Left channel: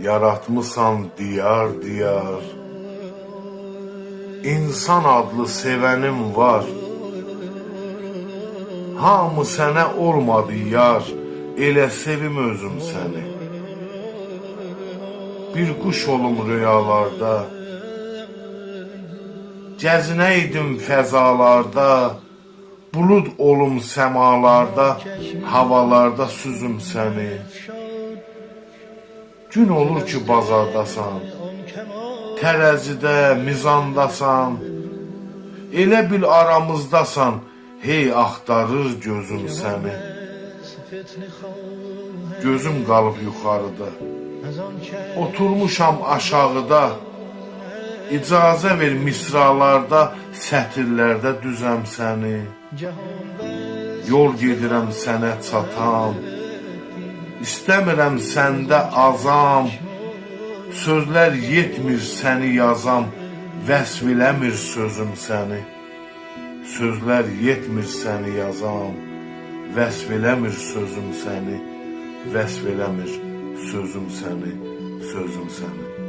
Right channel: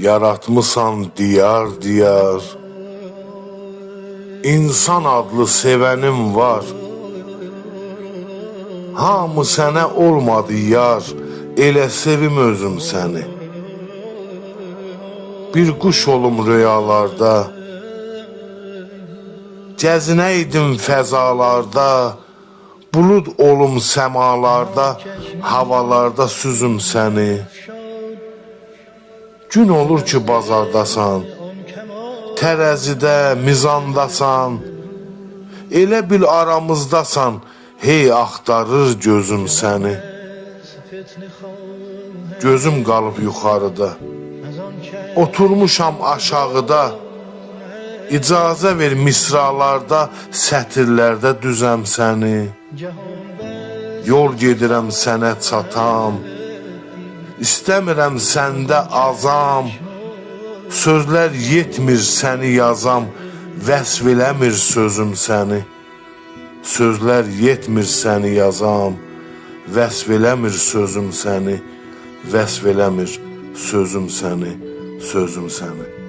Yaratmısan diyar diyar, İnsan adlı sevenim var. Hamı sənə olmadı yar, elə sevim özüm səni. Bir quş olum rüyalarda, gəzinəydim fəzalarda, bulud olum səmalarda, havalarda süzüm səni. Gün olur ki bazardasan, tərəzidə, mizandasan, elə bil aramızdasan, hey axtarır gözüm səni. Gözüm qalıb yuxarıda, oturmuşam aşağıda, icazə ver misralarda, sətirlərdə düzəm səni. Yol gedirəm sənə çatam, İstəmirəm səndə azam, sözlər yetmir səni yazam, vəsf eləmir sözüm səni. Sözlər yetmir səni yazam, vəsf eləmir sözüm səni, vəsf eləmir sözüm səni, sözüm səni.